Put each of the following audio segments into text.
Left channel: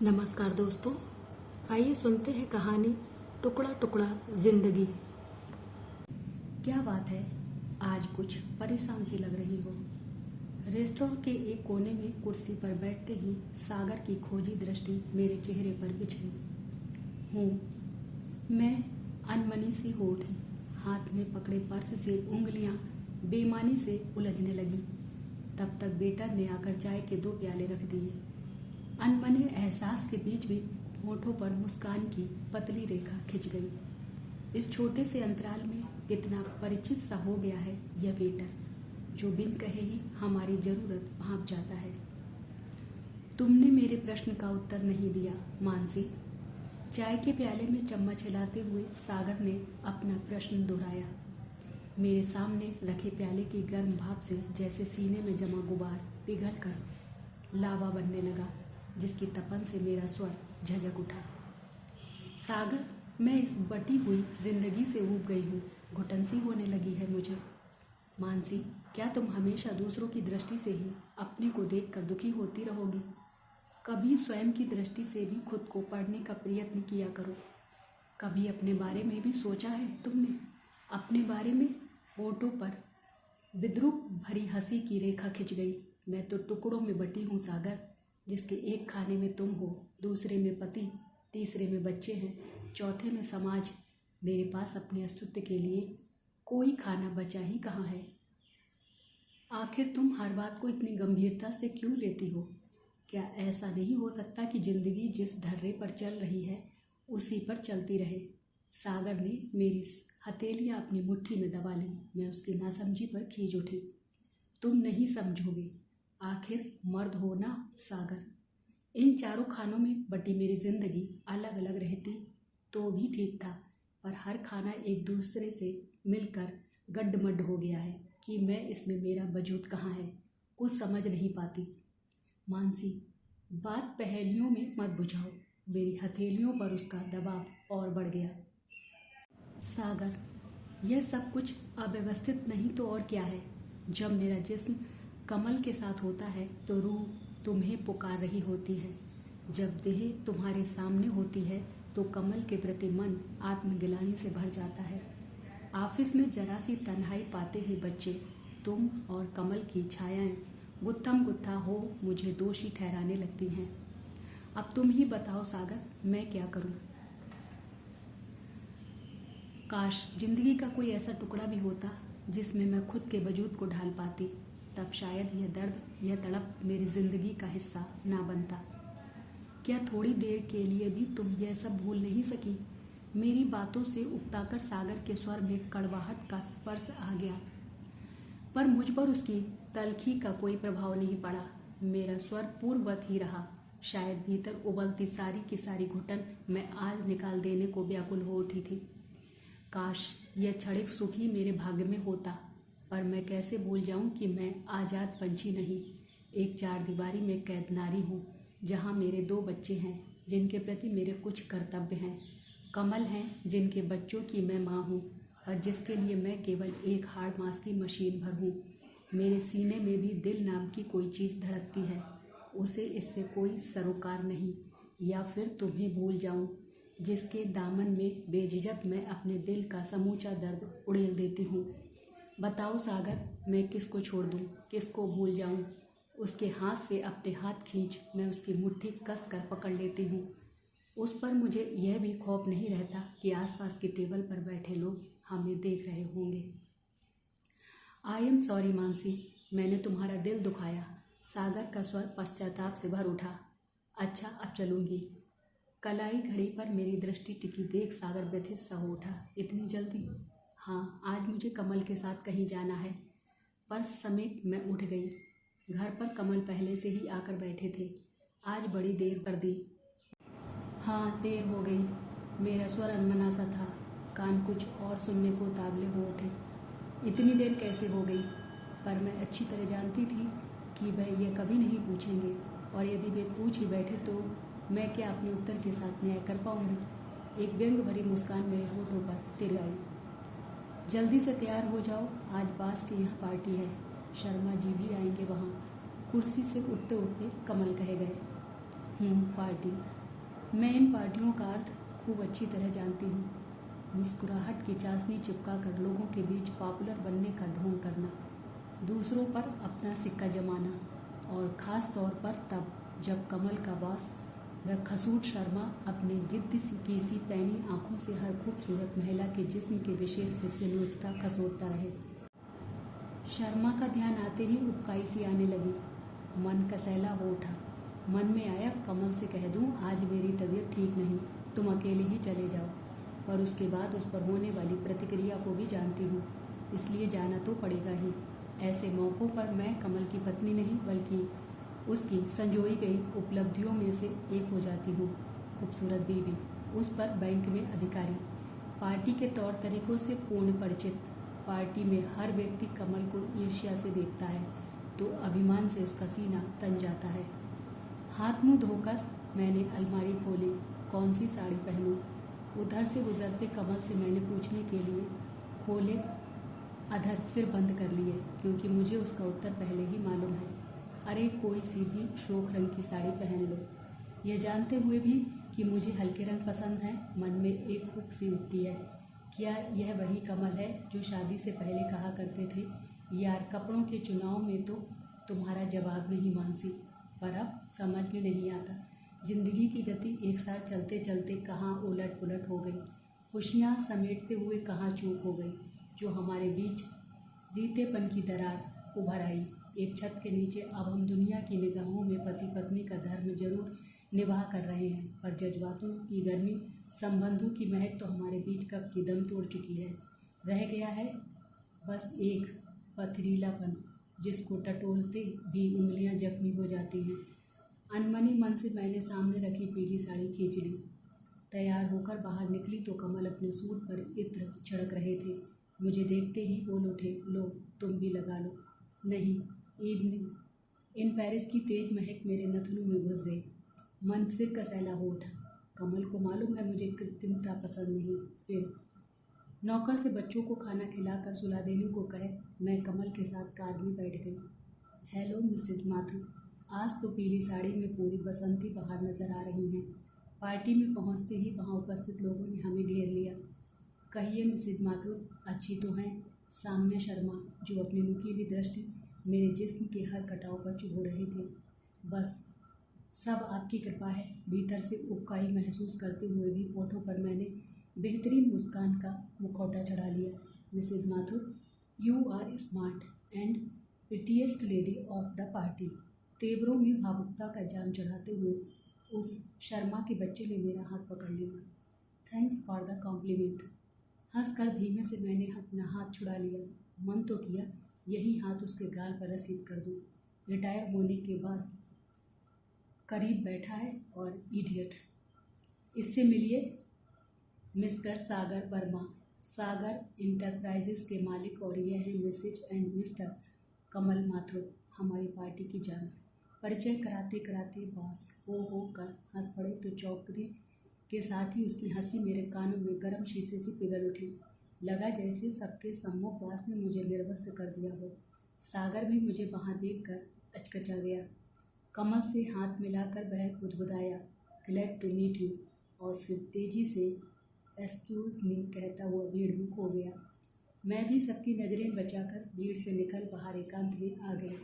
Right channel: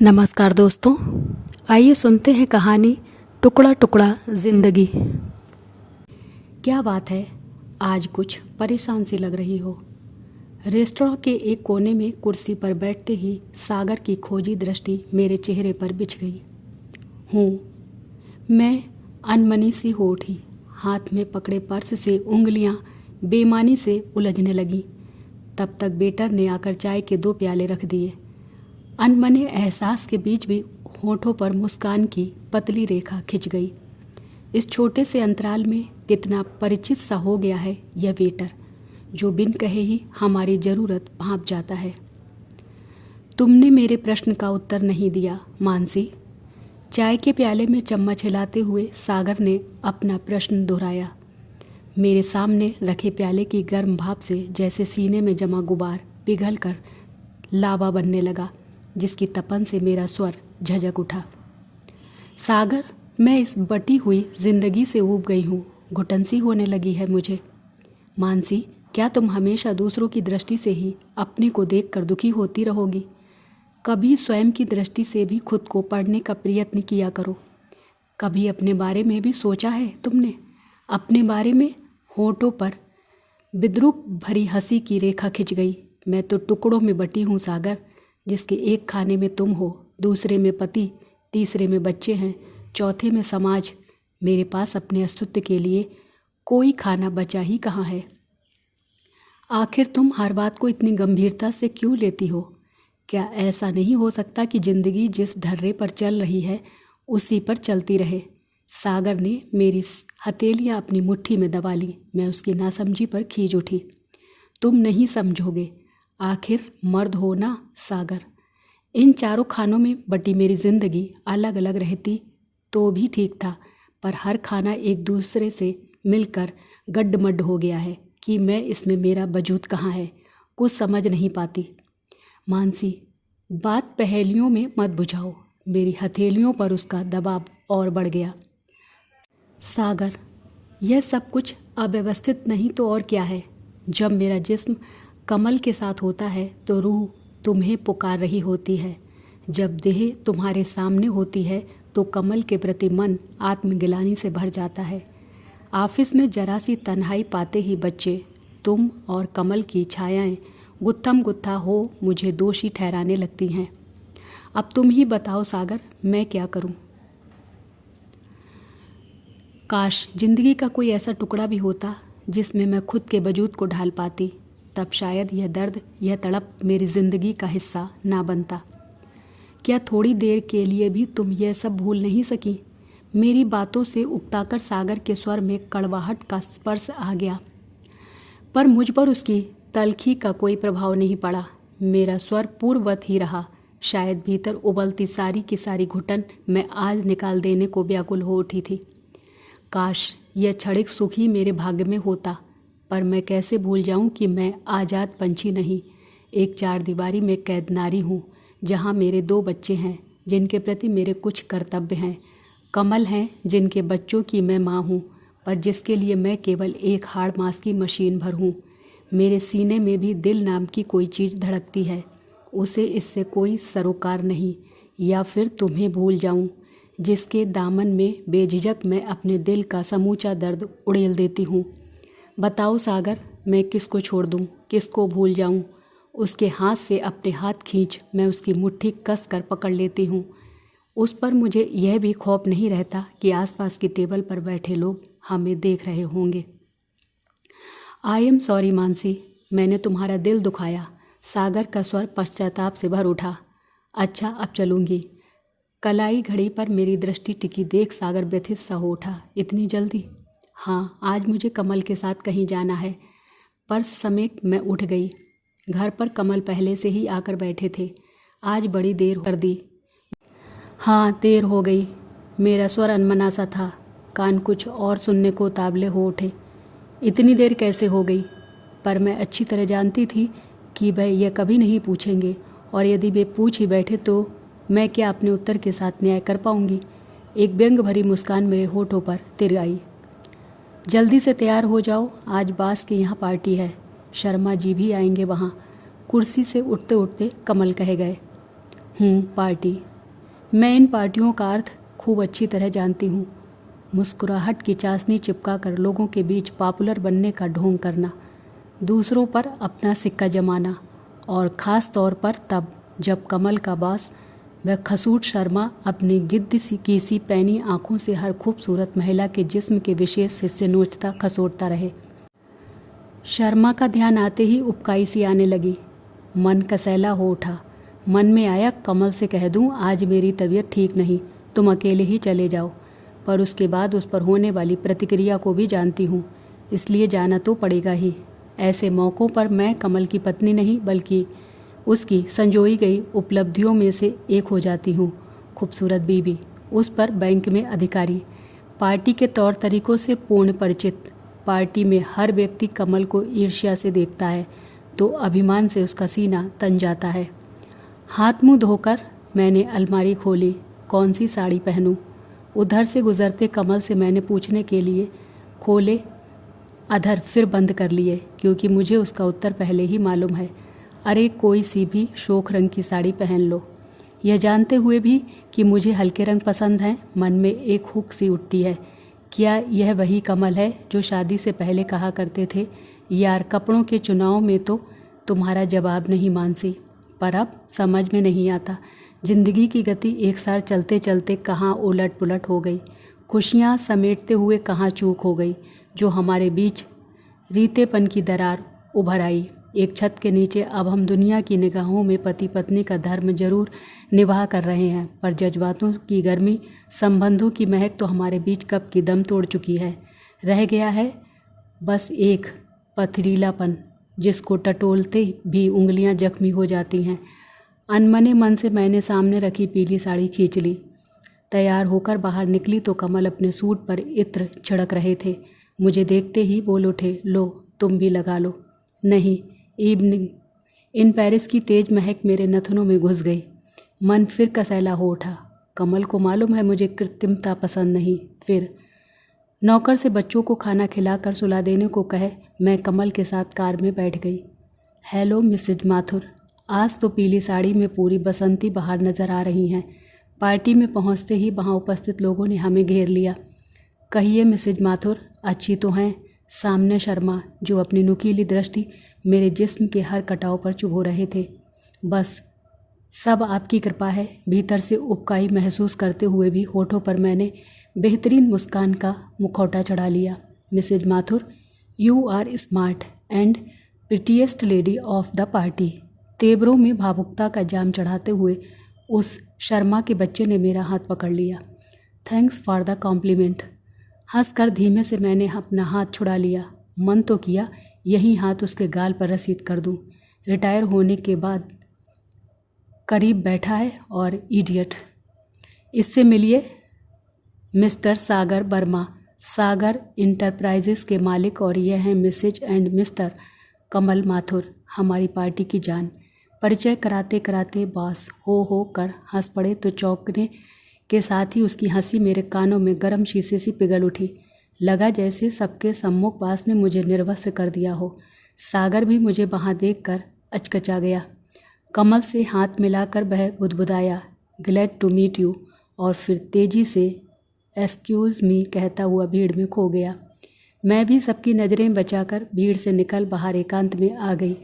नमस्कार दोस्तों, आइए सुनते हैं कहानी टुकड़ा टुकड़ा जिंदगी। क्या बात है, आज कुछ परेशान सी लग रही हो। रेस्टोरेंट के एक कोने में कुर्सी पर बैठते ही सागर की खोजी दृष्टि मेरे चेहरे पर बिछ गई। मैं अनमनी सी हो उठी। हाथ में पकड़े पर्स से उंगलियां बेईमानी से उलझने लगी। तब तक वेटर ने आकर चाय के 2 प्याले रख दिए। अनमने एहसास के बीच भी होठों पर मुस्कान की पतली रेखा खिंच गई। इस छोटे से अंतराल में कितना परिचित सा हो गया है यह वेटर, जो बिन कहे ही हमारी ज़रूरत भांप जाता है। तुमने मेरे प्रश्न का उत्तर नहीं दिया मानसी। चाय के प्याले में चम्मच हिलाते हुए सागर ने अपना प्रश्न दोहराया। मेरे सामने रखे प्याले की गर्म भाप से जैसे सीने में जमा गुबार पिघल कर लावा बनने लगा, जिसकी तपन से मेरा स्वर झजक उठा। सागर, मैं इस बटी हुई जिंदगी से ऊब गई हूँ। घुटन सी होने लगी है मुझे। मानसी, क्या तुम हमेशा दूसरों की दृष्टि से ही अपने को देखकर दुखी होती रहोगी? कभी स्वयं की दृष्टि से भी खुद को पढ़ने का प्रयत्न किया करो। कभी अपने बारे में भी सोचा है तुमने? अपने बारे में? होठों पर विद्रूप भरी हंसी की रेखा खिंच गई। मैं तो टुकड़ों में बटी हूँ सागर, जिसके एक खाने में तुम हो, दूसरे में पति, तीसरे में बच्चे हैं, चौथे में समाज। मेरे पास अपने अस्तित्व के लिए कोई खाना बचा ही कहाँ है? आखिर तुम हर बात को इतनी गंभीरता से क्यों लेती हो? क्या ऐसा नहीं हो सकता कि जिंदगी जिस ढर्रे पर चल रही है उसी पर चलती रहे? सागर ने मेरी हथेलियाँ अपनी मुट्ठी में दबा ली। मैं उसकी नासमझी पर खींच उठी। तुम नहीं समझोगे, आखिर मर्द हो ना सागर। इन चारों खानों में बटी मेरी जिंदगी अलग अलग रहती तो भी ठीक था, पर हर खाना एक दूसरे से मिलकर गड्ढमड्ढ हो गया है कि मैं इसमें मेरा वजूद कहाँ है, कुछ समझ नहीं पाती। मानसी, बात पहेलियों में मत बुझाओ। मेरी हथेलियों पर उसका दबाव और बढ़ गया। सागर, यह सब कुछ अव्यवस्थित नहीं तो और क्या है? जब मेरा जिस्म कमल के साथ होता है तो रूह तुम्हें पुकार रही होती है। जब देह तुम्हारे सामने होती है तो कमल के प्रति मन आत्मगिलानी से भर जाता है। ऑफिस में जरा सी तन्हाई पाते ही बच्चे, तुम और कमल की छायाएं गुत्थम गुत्था हो मुझे दोषी ठहराने लगती हैं। अब तुम ही बताओ सागर, मैं क्या करूं? काश जिंदगी का कोई ऐसा टुकड़ा भी होता जिसमें मैं खुद के वजूद को ढाल पाती। तब शायद यह दर्द, यह तड़प मेरी जिंदगी का हिस्सा ना बनता। क्या थोड़ी देर के लिए भी तुम यह सब भूल नहीं सकी? मेरी बातों से उकताकर सागर के स्वर में कड़वाहट का स्पर्श आ गया, पर मुझ पर उसकी तलखी का कोई प्रभाव नहीं पड़ा। मेरा स्वर पूर्ववत ही रहा। शायद भीतर उबलती सारी की सारी घुटन मैं आज निकाल देने को व्याकुल हो उठी थी। काश यह क्षणिक सुख ही मेरे भाग्य में होता, पर मैं कैसे भूल जाऊं कि मैं आज़ाद पंछी नहीं, एक 4 दीवारी में कैद नारी हूँ, जहाँ मेरे 2 बच्चे हैं जिनके प्रति मेरे कुछ कर्तव्य हैं। कमल हैं जिनके बच्चों की मैं माँ हूँ, पर जिसके लिए मैं केवल एक हाड़ मांस की मशीन भर हूँ। मेरे सीने में भी दिल नाम की कोई चीज़ धड़कती है, उसे इससे कोई सरोकार नहीं। या फिर तुम्हें भूल जाऊँ, जिसके दामन में बेझिझक मैं अपने दिल का समूचा दर्द उड़ेल देती हूँ। बताओ सागर, मैं किसको छोड़ दूँ, किसको भूल जाऊँ? उसके हाथ से अपने हाथ खींच मैं उसकी मुट्ठी कस कर पकड़ लेती हूँ। उस पर मुझे यह भी खौफ नहीं रहता कि आसपास की टेबल पर बैठे लोग हमें देख रहे होंगे। आई एम सॉरी मानसी, मैंने तुम्हारा दिल दुखाया। सागर का स्वर पश्चाताप से भर उठा। अच्छा, अब चलूँगी। कलाई घड़ी पर मेरी दृष्टि टिकी देख सागर व्यथित सा हो उठा। इतनी जल्दी? हाँ, आज मुझे कमल के साथ कहीं जाना है। पर्स समेट मैं उठ गई। घर पर कमल पहले से ही आकर बैठे थे। आज बड़ी देर कर दी। हाँ, देर हो गई। मेरा स्वर अनमना सा था। कान कुछ और सुनने को ताबले हो उठे। इतनी देर कैसे हो गई? पर मैं अच्छी तरह जानती थी कि वह यह कभी नहीं पूछेंगे, और यदि वे पूछ ही बैठे तो मैं क्या अपने उत्तर के साथ न्याय कर पाऊंगी? एक व्यंग भरी मुस्कान मेरे होठों पर तिर आई। जल्दी से तैयार हो जाओ, आज बास के यहाँ पार्टी है, शर्मा जी भी आएंगे वहाँ। कुर्सी से उठते उठते कमल कह गए। पार्टी। मैं इन पार्टियों का अर्थ खूब अच्छी तरह जानती हूँ। मुस्कुराहट की चाशनी चिपका कर लोगों के बीच पॉपुलर बनने का ढोंग करना, दूसरों पर अपना सिक्का जमाना, और ख़ास तौर पर तब जब कमल का बॉस वह खसूट शर्मा अपनी गिद्ध की सी पैनी आँखों से हर खूबसूरत महिला के जिस्म के विशेष हिस्से नोचता खसोटता रहे। शर्मा का ध्यान आते ही उबकाई सी आने लगी। मन कसैला हो उठा। मन में आया कमल से कह दूं आज मेरी तबीयत ठीक नहीं, तुम अकेले ही चले जाओ। पर उसके बाद उस पर होने वाली प्रतिक्रिया को भी जानती हूँ, इसलिए जाना तो पड़ेगा ही। ऐसे मौक़ों पर मैं कमल की पत्नी नहीं बल्कि उसकी संजोई गई उपलब्धियों में से एक हो जाती हूँ। खूबसूरत बीवी, उस पर बैंक में अधिकारी, पार्टी के तौर तरीक़ों से पूर्ण परिचित। पार्टी में हर व्यक्ति कमल को ईर्ष्या से देखता है तो अभिमान से उसका सीना तन जाता है। हाथ मुँह धोकर मैंने अलमारी खोली, कौन सी साड़ी पहनूं। उधर से गुजरते कमल से मैंने पूछने के लिए खोले, अधर फिर बंद कर लिए, क्योंकि मुझे उसका उत्तर पहले ही मालूम है। अरे कोई सी भी शोख रंग की साड़ी पहन लो। यह जानते हुए भी कि मुझे हल्के रंग पसंद हैं, मन में एक हुक सी उठती है। क्या यह वही कमल है जो शादी से पहले कहा करते थे, यार कपड़ों के चुनाव में तो तुम्हारा जवाब नहीं मानसी। पर अब समझ में नहीं आता, जिंदगी की गति एक साथ चलते चलते कहाँ उलट पुलट हो गई, खुशियाँ समेटते हुए कहाँ चूक हो गई, जो हमारे बीच रीतेपन की दरार उभर आई। एक छत के नीचे अब हम दुनिया की निगाहों में पति पत्नी का धर्म जरूर निभा कर रहे हैं, पर जज्बातों की गर्मी, संबंधों की महक तो हमारे बीच कब की दम तोड़ चुकी है। रह गया है बस एक पथरीलापन, जिसको टटोलते भी उंगलियां जख्मी हो जाती हैं। अनमने मन से मैंने सामने रखी पीली साड़ी खींच ली। तैयार होकर बाहर निकली तो कमल अपने सूट पर इत्र छिड़क रहे थे। मुझे देखते ही बोल उठे, लो तुम भी लगा लो। नहीं, इवनिंग इन पेरिस की तेज महक मेरे नथनों में घुस गई। मन फिर कसैला हो उठा। कमल को मालूम है मुझे कृत्रिमता पसंद नहीं। फिर नौकर से बच्चों को खाना खिलाकर सुला देने को कहे मैं कमल के साथ कार में बैठ गई। हेलो मिसेज माथुर, आज तो पीली साड़ी में पूरी बसंती बाहर नज़र आ रही हैं। पार्टी में पहुंचते ही वहां उपस्थित लोगों ने हमें घेर लिया। कहिए मिसेज माथुर, अच्छी तो हैं? सामने शर्मा, जो अपनी नुकीली दृष्टि मेरे जिस्म के हर कटाव पर चुभो रहे थे। बस सब आपकी कृपा है। भीतर से उबकाई महसूस करते हुए भी होठों पर मैंने बेहतरीन मुस्कान का मुखौटा चढ़ा लिया। Mrs Mathur, you are smart and prettiest lady of the party. तेवरों में भावुकता का जाम चढ़ाते हुए उस शर्मा के बच्चे ने मेरा हाथ पकड़ लिया। Thanks for the compliment. हंसकर धीमे से मैंने अपना हाथ छुड़ा लिया। मन तो किया यही हाथ उसके गाल पर रसीद कर दूं। रिटायर होने के बाद करीब बैठा है और इडियट। इससे मिलिए मिस्टर सागर वर्मा, सागर इंटरप्राइजेस के मालिक, और यह हैं मिसेज एंड मिस्टर कमल माथुर, हमारी पार्टी की जान। परिचय कराते कराते बॉस हो कर हंस पड़े तो चौंकने के साथ ही उसकी हंसी मेरे कानों में गर्म शीशे सी पिघल उठी। लगा जैसे सबके सम्मुख बास ने मुझे निर्वस्त्र कर दिया हो। सागर भी मुझे वहाँ देखकर अचकचा गया। कमल से हाथ मिलाकर वह बुदबुदाया, ग्लैड टू मीट यू, और फिर तेज़ी से एक्सक्यूज़ मी कहता हुआ भीड़ में खो गया। मैं भी सबकी नज़रें बचाकर भीड़ से निकल बाहर एकांत में आ गई।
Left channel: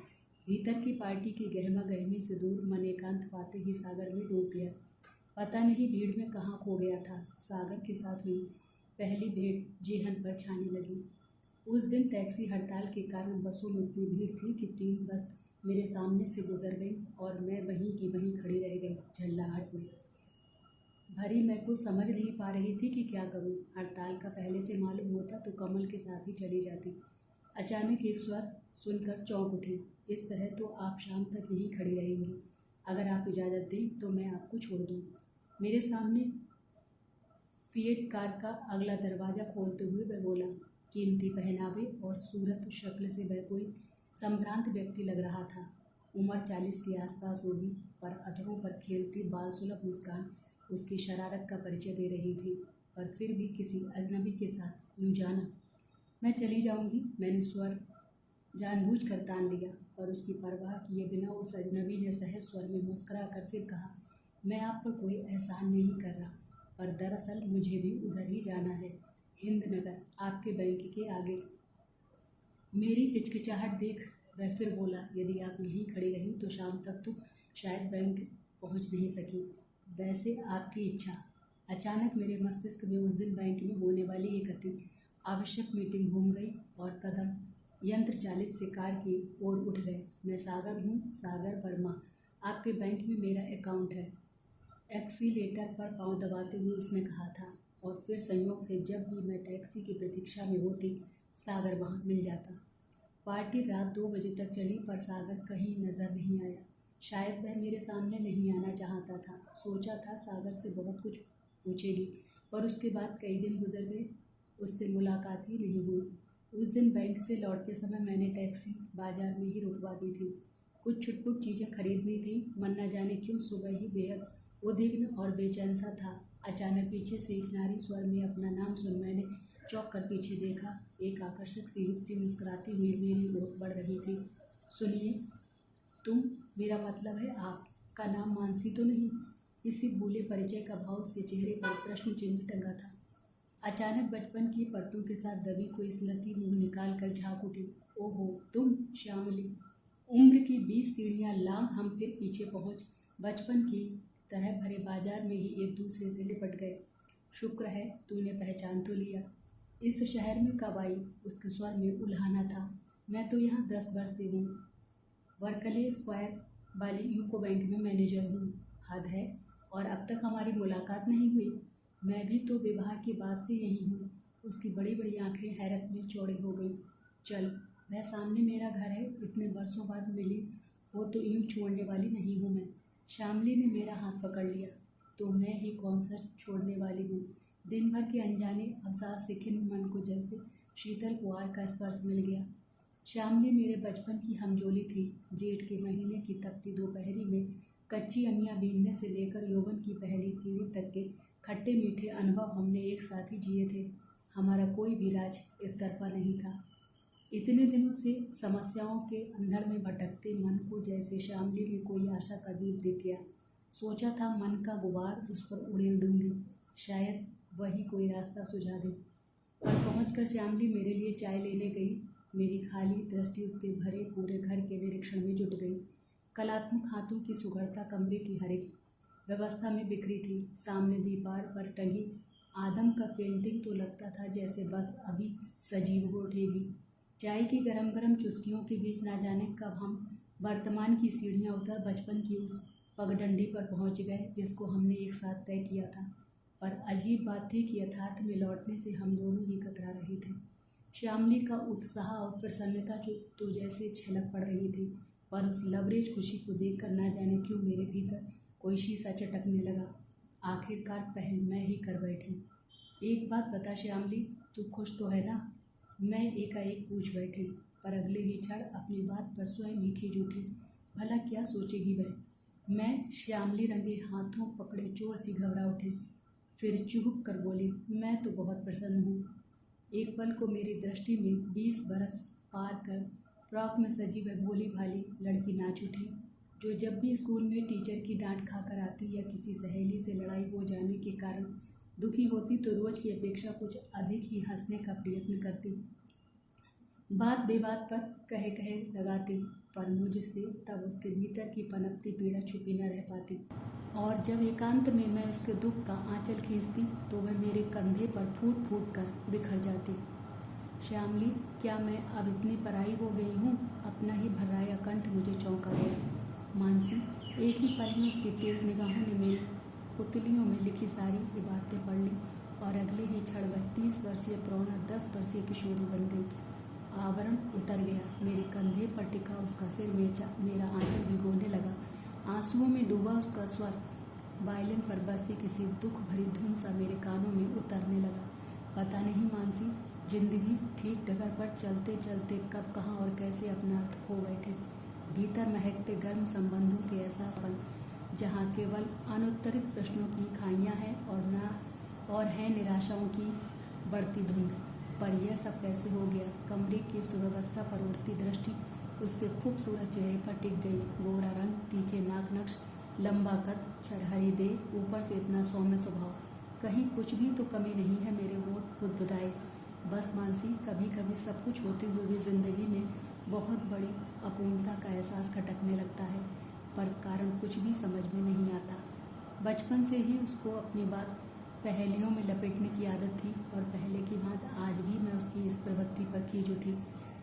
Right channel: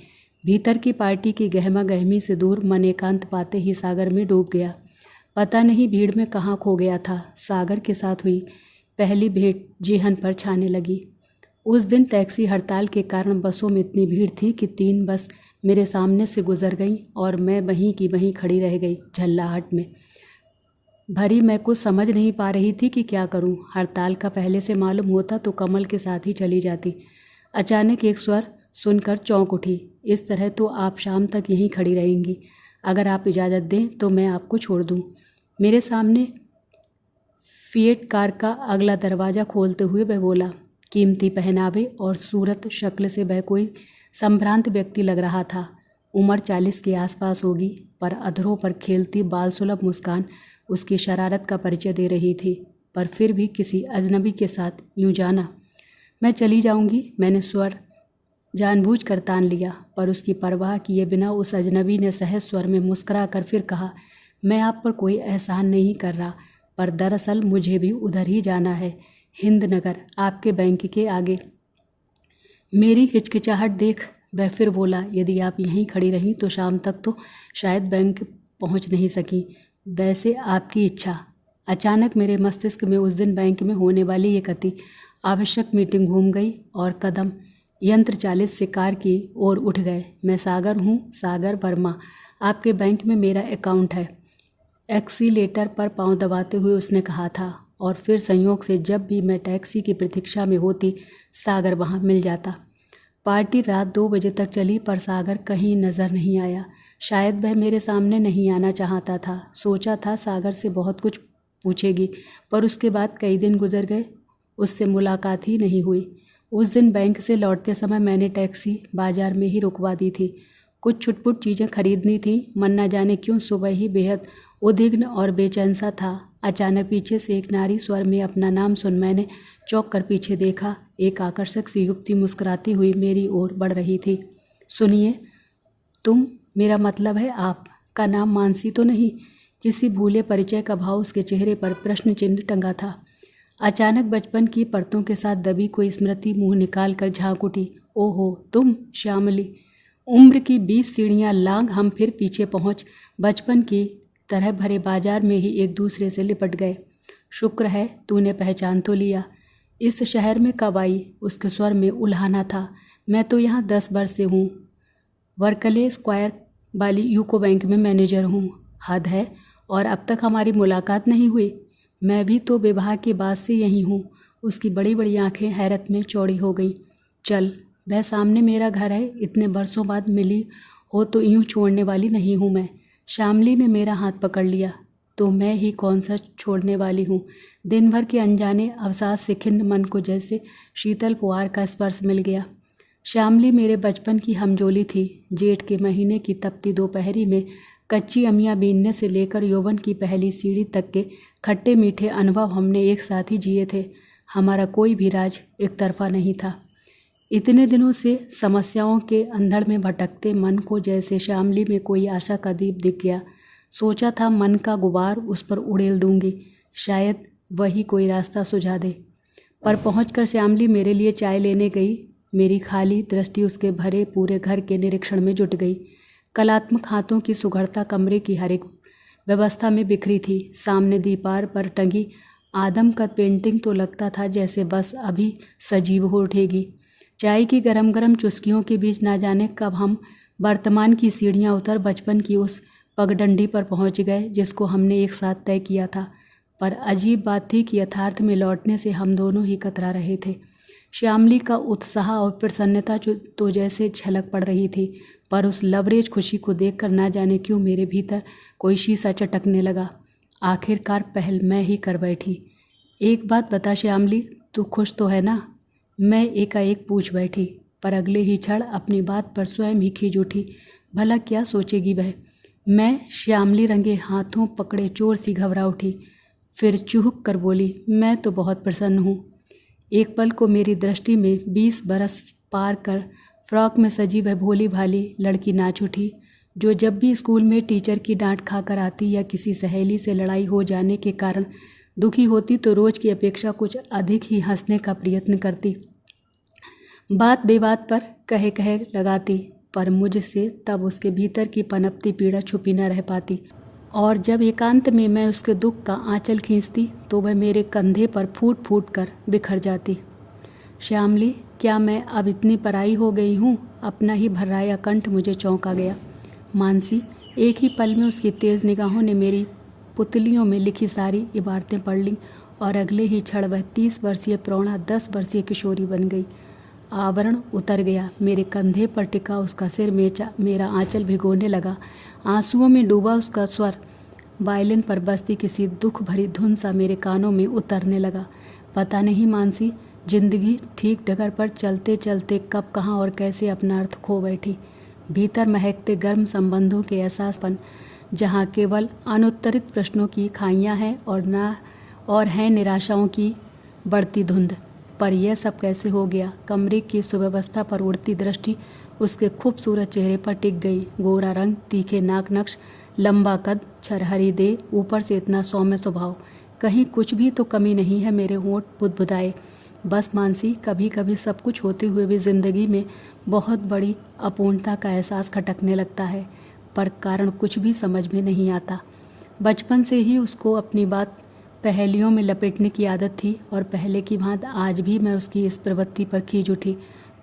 भीतर की पार्टी की गहमा गहमी से दूर मन एकांत पाते ही सागर में डूब गया। पता नहीं भीड़ में कहाँ खो गया था। सागर के साथ हुई पहली भेंट जेहन पर छाने लगी। उस दिन टैक्सी हड़ताल के कारण बसों में इतनी भीड़ थी कि 3 बस मेरे सामने से गुजर गईं और मैं वहीं की वहीं खड़ी रह गई, झल्लाहट में भरी। मैं कुछ समझ नहीं पा रही थी कि क्या करूं। हड़ताल का पहले से मालूम होता तो कमल के साथ ही चली जाती। अचानक एक स्वर सुनकर चौंक उठी, इस तरह तो आप शाम तक यहीं खड़ी रहेंगी। अगर आप इजाज़त दें तो मैं आपको छोड़ दूं। मेरे सामने फिएट कार का अगला दरवाज़ा खोलते हुए वह बोला। कीमती पहनावे और सूरत शक्ल से वह कोई संभ्रांत व्यक्ति लग रहा था। उम्र 40 के आसपास होगी, पर अधरों पर खेलती बाल सुलभ मुस्कान उसकी शरारत का परिचय दे रही थी। पर फिर भी किसी अजनबी के साथ यूं जाना। मैं चली जाऊंगी, मैंने स्वर जानबूझ कर तान लिया, पर उसकी परवाह किए बिना उस अजनबी ने सहज स्वर में मुस्कुरा कर फिर कहा, मैं आप पर कोई एहसान नहीं कर रहा, पर दरअसल मुझे भी उधर ही जाना है, हिंदनगर, आपके बैंक के आगे। मेरी हिचकिचाहट देख वह फिर बोला, यदि आप यहीं खड़ी रहीं तो शाम तक तो शायद बैंक पहुंच नहीं सकी। वैसे आपकी इच्छा। अचानक मेरे मस्तिष्क में उस दिन बैंक में होने वाली एक अति आवश्यक मीटिंग घूम गई और कदम यंत्र चालित से कार की ओर उठ गए। मैं सागर हूँ, सागर वर्मा, आपके बैंक में मेरा अकाउंट है। एक्सीलेटर पर पांव दबाते हुए उसने कहा था। और फिर संयोग से जब भी मैं टैक्सी की प्रतीक्षा में होती, सागर वहाँ मिल जाता। पार्टी रात 2 बजे तक चली, पर सागर कहीं नज़र नहीं आया। शायद वह मेरे सामने नहीं आना चाहता था। सोचा था सागर से बहुत कुछ पूछेगी, पर उसके बाद कई दिन गुजर गए, उससे मुलाकात ही नहीं हुई। उस दिन बैंक से लौटते समय मैंने टैक्सी बाजार में ही रुकवा दी थी। कुछ छुटपुट चीज़ें खरीदनी थी। मन न जाने क्यों सुबह ही बेहद उद्विग्न और बेचैन सा था। अचानक पीछे से एक नारी स्वर में अपना नाम सुन मैंने चौंक कर पीछे देखा। एक आकर्षक सी युवती मुस्कुराती हुई मेरी ओर बढ़ रही थी। सुनिए, तुम, मेरा मतलब है आपका नाम मानसी तो नहीं? किसी भूले परिचय का भाव उसके चेहरे पर प्रश्न चिन्ह टंगा था। अचानक बचपन की परतों के साथ दबी कोई स्मृति मुंह निकाल कर झांक उठी। ओहो, तुम श्यामली। उम्र की 20 सीढ़ियाँ लांघ हम फिर पीछे पहुँच बचपन की तरह भरे बाजार में ही एक दूसरे से लिपट गए। शुक्र है तूने पहचान तो लिया। इस शहर में कब आई? उसके स्वर में उल्हाना था। मैं तो यहाँ 10 वर्ष से हूँ, वर्कले स्क्वायर वाली यूको बैंक में मैनेजर हूँ। हद है, और अब तक हमारी मुलाकात नहीं हुई। मैं भी तो विवाह के बाद से यहीं हूँ। उसकी बड़ी बड़ी आंखें हैरत में चौड़ी हो गईं। चल, वह सामने मेरा घर है। इतने बरसों बाद मिली हो तो यूँ छोड़ने वाली नहीं हूँ मैं। श्यामली ने मेरा हाथ पकड़ लिया। तो मैं ही कौन सा छोड़ने वाली हूँ। दिन भर के अनजाने अवसाद से खिन्न मन को जैसे शीतल पुआर का स्पर्श मिल गया। श्यामली मेरे बचपन की हमजोली थी। जेठ के महीने की तपती दोपहरी में कच्ची अमियाँ बीनने से लेकर यौवन की पहली सीढ़ी तक के खट्टे मीठे अनुभव हमने एक साथ ही जिए थे। हमारा कोई भी राज एक तरफा नहीं था। इतने दिनों से समस्याओं के अंधड़ में भटकते मन को जैसे श्यामली में कोई आशा का दीप दिख गया। सोचा था मन का गुबार उस पर उड़ेल दूंगी, शायद वही कोई रास्ता सुझा दे। पर पहुंचकर श्यामली मेरे लिए चाय लेने गई। मेरी खाली दृष्टि उसके भरे पूरे घर के निरीक्षण में जुट गई। कलात्मक हाथों की सुघड़ता कमरे की हर एक व्यवस्था में बिखरी थी। सामने दीवार पर टंगी आदमकद पेंटिंग तो लगता था जैसे बस अभी सजीव हो उठेगी। चाय की गरम गरम चुस्कियों के बीच ना जाने कब हम वर्तमान की सीढ़ियाँ उतर बचपन की उस पगडंडी पर पहुँच गए जिसको हमने एक साथ तय किया था। पर अजीब बात थी कि यथार्थ में लौटने से हम दोनों ही कतरा रहे थे। श्यामली का उत्साह और प्रसन्नता तो जैसे झलक पड़ रही थी, पर उस लवरेज खुशी को देखकर ना जाने क्यों मेरे भीतर कोई शीशा चटकने लगा। आखिरकार पहल मैं ही कर बैठी। एक बात बता श्यामली, तू खुश तो है ना? मैं एकाएक पूछ बैठी, पर अगले ही क्षण अपनी बात पर स्वयं ही खींच उठी। भला क्या सोचेगी वह? मैं श्यामली रंगे हाथों पकड़े चोर सी घबरा उठी। फिर चूहक कर बोली, मैं तो बहुत प्रसन्न हूँ। एक पल को मेरी दृष्टि में 20 बरस पार कर फ्रॉक में सजी वह भोली भाली लड़की नाच उठी, जो जब भी स्कूल में टीचर की डांट खाकर आती या किसी सहेली से लड़ाई हो जाने के कारण दुखी होती तो रोज की अपेक्षा कुछ अधिक ही हंसने का प्रयत्न करती, बात बेबात पर कहे कहे लगाती, पर मुझसे तब उसके भीतर की पनपती पीड़ा छुपी न रह पाती। और जब एकांत में मैं उसके दुख का आंचल खींचती तो वह मेरे कंधे पर फूट फूट कर बिखर जाती। श्यामली, क्या मैं अब इतनी पराई हो गई हूँ? अपना ही भर्राया कंठ मुझे चौंका गया। मानसी, एक ही पल में उसकी तेज़ निगाहों ने मेरी पुतलियों में लिखी सारी इबारतें पढ़ लीं और अगले ही क्षण वह 30 वर्षीय प्रौढ़ा 10 वर्षीय किशोरी बन गई। आवरण उतर गया। मेरे कंधे पर टिका उसका सिर मेरा आंचल भिगोने लगा। आंसुओं में डूबा उसका स्वर वायलिन पर बजती किसी दुख भरी धुन सा मेरे कानों में उतरने लगा। पता नहीं मानसी, जिंदगी ठीक डगर पर चलते चलते कब कहाँ और कैसे अपना अर्थ खो बैठी। भीतर महकते गर्म संबंधों के एहसासपन, जहाँ केवल अनुत्तरित प्रश्नों की खाइयाँ हैं और हैं निराशाओं की बढ़ती धुंध। पर यह सब कैसे हो गया? कमरे की सुव्यवस्था पर उड़ती दृष्टि उसके खूबसूरत चेहरे पर टिक गई। गोरा रंग, तीखे नाक नक्श, लंबा कद, छरहरी दे, ऊपर से इतना सौम्य स्वभाव, कहीं कुछ भी तो कमी नहीं है। मेरे होंठ बुदबुदाए। बस मानसी, कभी कभी सब कुछ होते हुए भी ज़िंदगी में बहुत बड़ी अपूर्णता का एहसास खटकने लगता है, पर कारण कुछ भी समझ में नहीं आता। बचपन से ही उसको अपनी बात पहेलियों में लपेटने की आदत थी और पहले की भांति आज भी मैं उसकी इस प्रवृत्ति पर खींच उठी।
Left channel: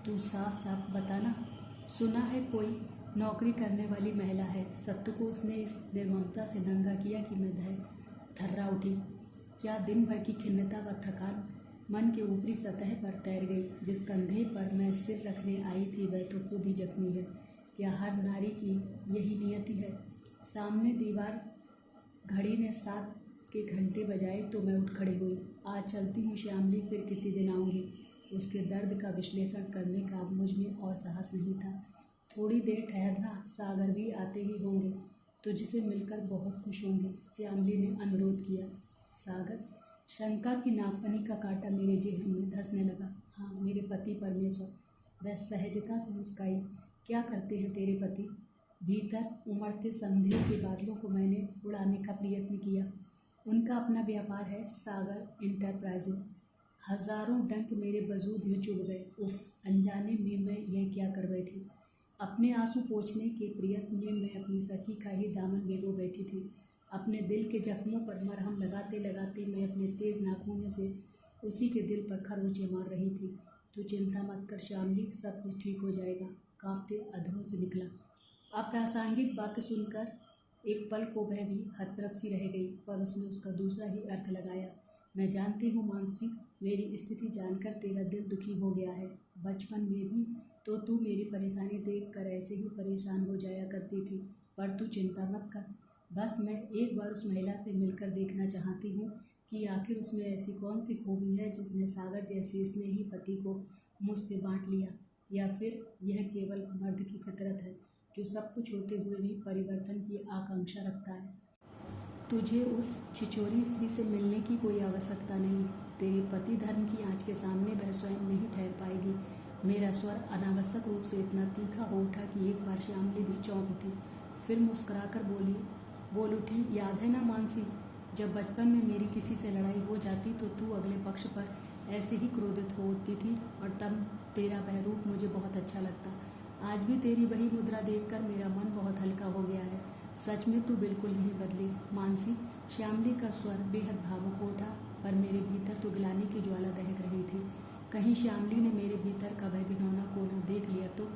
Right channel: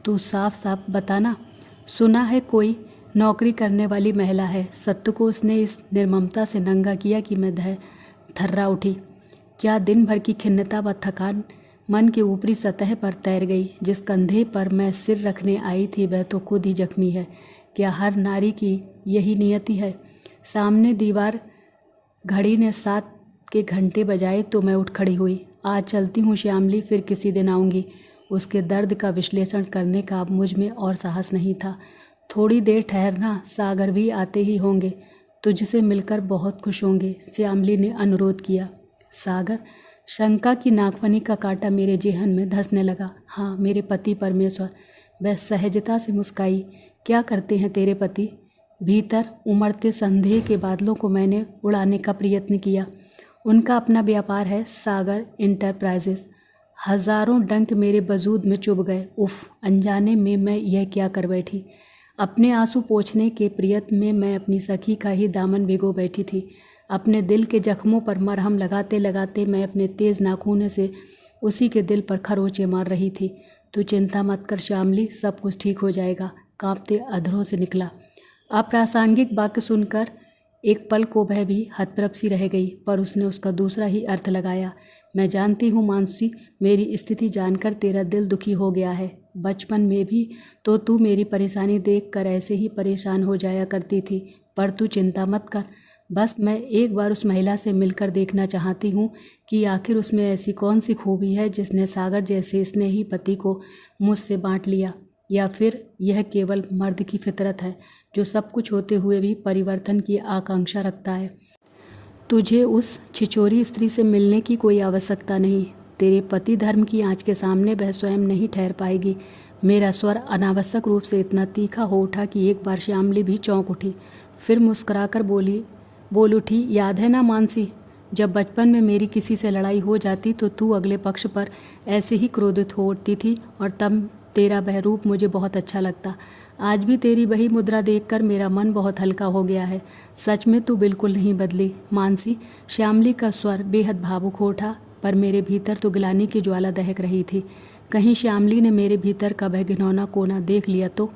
तू साफ साफ बताना, सुना है कोई नौकरी करने वाली महिला है। सत्य को उसने इस निर्ममता से नंगा किया कि मैं थर्रा उठी। क्या दिन भर की खिन्नता व थकान मन के ऊपरी सतह पर तैर गई। जिस कंधे पर मैं सिर रखने आई थी वह तो खुद ही जख्मी है। क्या हर नारी की यही नियति है। सामने दीवार घड़ी ने 7 के घंटे बजाए तो मैं उठ खड़ी हुई। आज चलती हूँ श्यामली, फिर किसी दिन आऊँगी। उसके दर्द का विश्लेषण करने का अब मुझ में और साहस नहीं था। थोड़ी देर ठहरना, सागर भी आते ही होंगे, तुझसे मिलकर बहुत खुश होंगे, श्यामली ने अनुरोध किया। सागर? शंका की नागफनी का कांटा मेरे जेहन में धंसने लगा। हाँ, मेरे पति परमेश्वर। वह सहजता से मुस्काई। क्या करते हैं तेरे पति? भीतर उमड़ते संदेह के बादलों को मैंने उड़ाने का प्रयत्न किया। उनका अपना व्यापार है, सागर इंटरप्राइजेस। हजारों डंक मेरे वजूद में चुभ गए। उफ, अनजाने में मैं यह क्या कर बैठी। अपने आंसू पोंछने के प्रयत्न में मैं अपनी सखी का ही दामन भिगो बैठी थी। अपने दिल के जख्मों पर मरहम लगाते लगाते मैं अपने तेज़ नाखूनों से उसी के दिल पर खरोंचे मार रही थी। तू चिंता मत कर श्यामली, सब कुछ ठीक हो जाएगा, कांपते अधरों से निकला। अप्रासंगिक वाक्य सुनकर एक पल को वह भी हतप्रभ सी रह गई, पर उसने उसका दूसरा ही अर्थ लगाया। मैं जानती हूँ मानसी, मेरी स्थिति जानकर तेरा दिल दुखी हो गया है। बचपन में भी तो तू मेरी परेशानी देखकर ऐसे ही परेशान हो जाया करती थी, पर तू चिंता मत कर। बस मैं एक बार उस महिला से मिलकर देखना चाहती हूँ कि आखिर उसमें ऐसी कौन सी खूबी है जिसने सागर जैसे स्नेही पति को मुझसे बांट लिया, या फिर यह केवल मर्द की फितरत है जो सब कुछ होते हुए भी परिवर्तन की आकांक्षा रखता है। तुझे उस छिछोरी स्त्री से मिलने की कोई आवश्यकता नहीं। तेरे पति धर्म की आँच के सामने वह स्वयं नहीं ठहर पाएगी। मेरा स्वर अनावश्यक रूप से इतना तीखा हो उठा कि एक बार श्यामली भी चौंक उठी, फिर मुस्कुराकर बोल उठी, याद है ना मानसी, जब बचपन में मेरी किसी से लड़ाई हो जाती तो तू अगले पक्ष पर ऐसे ही क्रोधित हो उठती थी और तब तेरा वह रूप मुझे बहुत अच्छा लगता। आज भी तेरी वही मुद्रा देखकर मेरा मन बहुत हल्का हो गया है। सच में तू बिल्कुल नहीं बदली मानसी। श्यामली का स्वर बेहद भावुक हो उठा, पर मेरे भीतर तो गिलानी की ज्वाला दहक रही थी। कहीं श्यामली ने मेरे भीतर का वह घिनौना कोना देख लिया तो।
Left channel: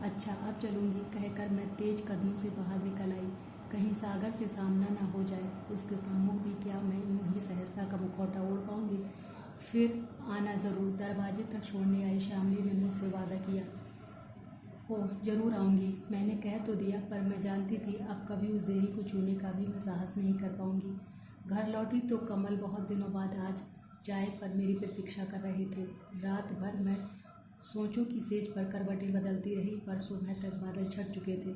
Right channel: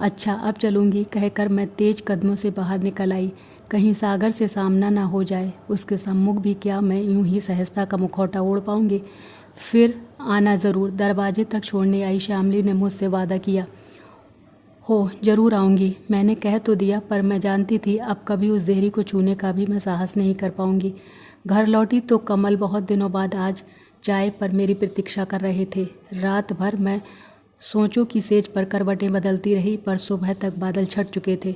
अच्छा, अब चलूँगी कहकर मैं तेज कदमों से बाहर निकल आई। कहीं सागर से सामना ना हो जाए, उसके सम्मुख भी क्या मैं यूं ही सहजता का मुखौटा ओढ़ पाऊंगी। फिर आना ज़रूर। दरवाजे तक छोड़ने आई श्यामली ने मुझसे वादा किया। हो, ज़रूर आऊँगी। मैंने कह तो दिया, पर मैं जानती थी अब कभी उस देहरी को छूने का भी मैं साहस नहीं कर पाऊँगी। घर लौटी तो कमल बहुत दिनों बाद आज चाय पर मेरी प्रतीक्षा कर रहे थे। रात भर मैं सोचों की सेज पर करवटें बदलती रही, पर सुबह तक बादल छट चुके थे।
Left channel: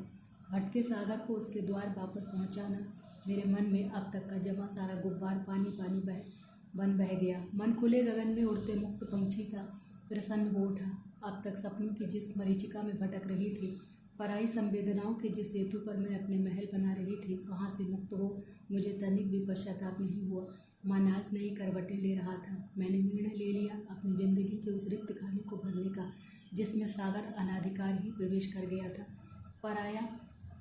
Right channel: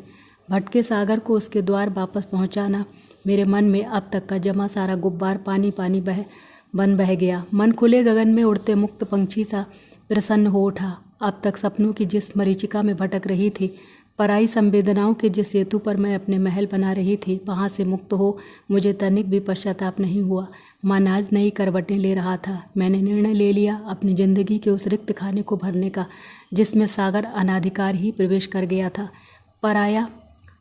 भटके सागर को उसके द्वार वापस पहुंचाना मेरे मन में अब तक का जमा सारा गुब्बार पानी पानी बह गया। मन खुले गगन में उड़ते मुक्त पंछी सा प्रसन्न हो उठा। अब तक सपनों की जिस मरीचिका में भटक रही थी, पराई संवेदनाओं के जिस सेतु पर मैं अपने महल बना रही थी, वहाँ से मुक्त हो मुझे तनिक भी पश्चाताप नहीं हुआ। मन आज नई करवटें ले रहा था। मैंने निर्णय ले लिया अपनी ज़िंदगी के उस रिक्त खाने को भरने का जिसमें सागर अनाधिकार ही प्रवेश कर गया था। पराया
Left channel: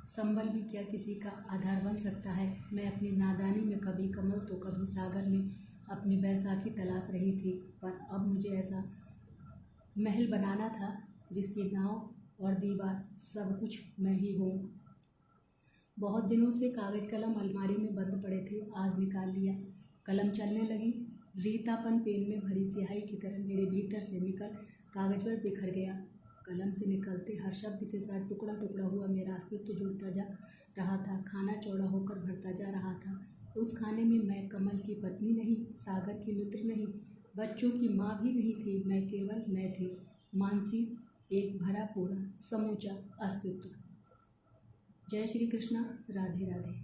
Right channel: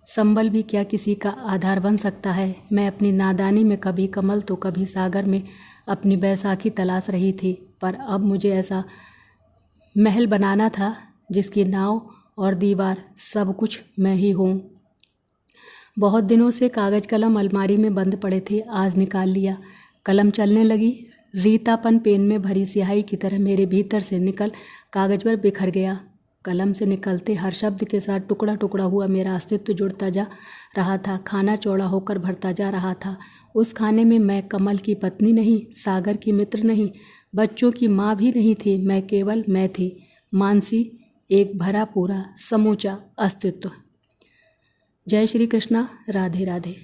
संबल भी क्या किसी का आधार बन सकता है। मैं अपनी नादानी में कभी कमल तो कभी सागर में अपनी बैसाखी तलाश रही थी, पर अब मुझे ऐसा महल बनाना था जिसकी नाव और दीवार सब कुछ मैं ही हूँ। बहुत दिनों से कागज़ कलम अलमारी में बंद पड़े थे, आज निकाल लिया। कलम चलने लगी। रीतापन पेन में भरी स्याही की तरह मेरे भीतर से निकल कागज़ पर बिखर गया। कलम से निकलते हर शब्द के साथ टुकड़ा टुकड़ा हुआ मेरा अस्तित्व जुड़ता जा रहा था। खाना चौड़ा होकर भरता जा रहा था। उस खाने में मैं कमल की पत्नी नहीं, सागर की मित्र नहीं, बच्चों की माँ भी नहीं थी। मैं केवल मैं थी, मानसी, एक भरा पूरा समूचा अस्तित्व। जय श्री कृष्णा। राधे राधे।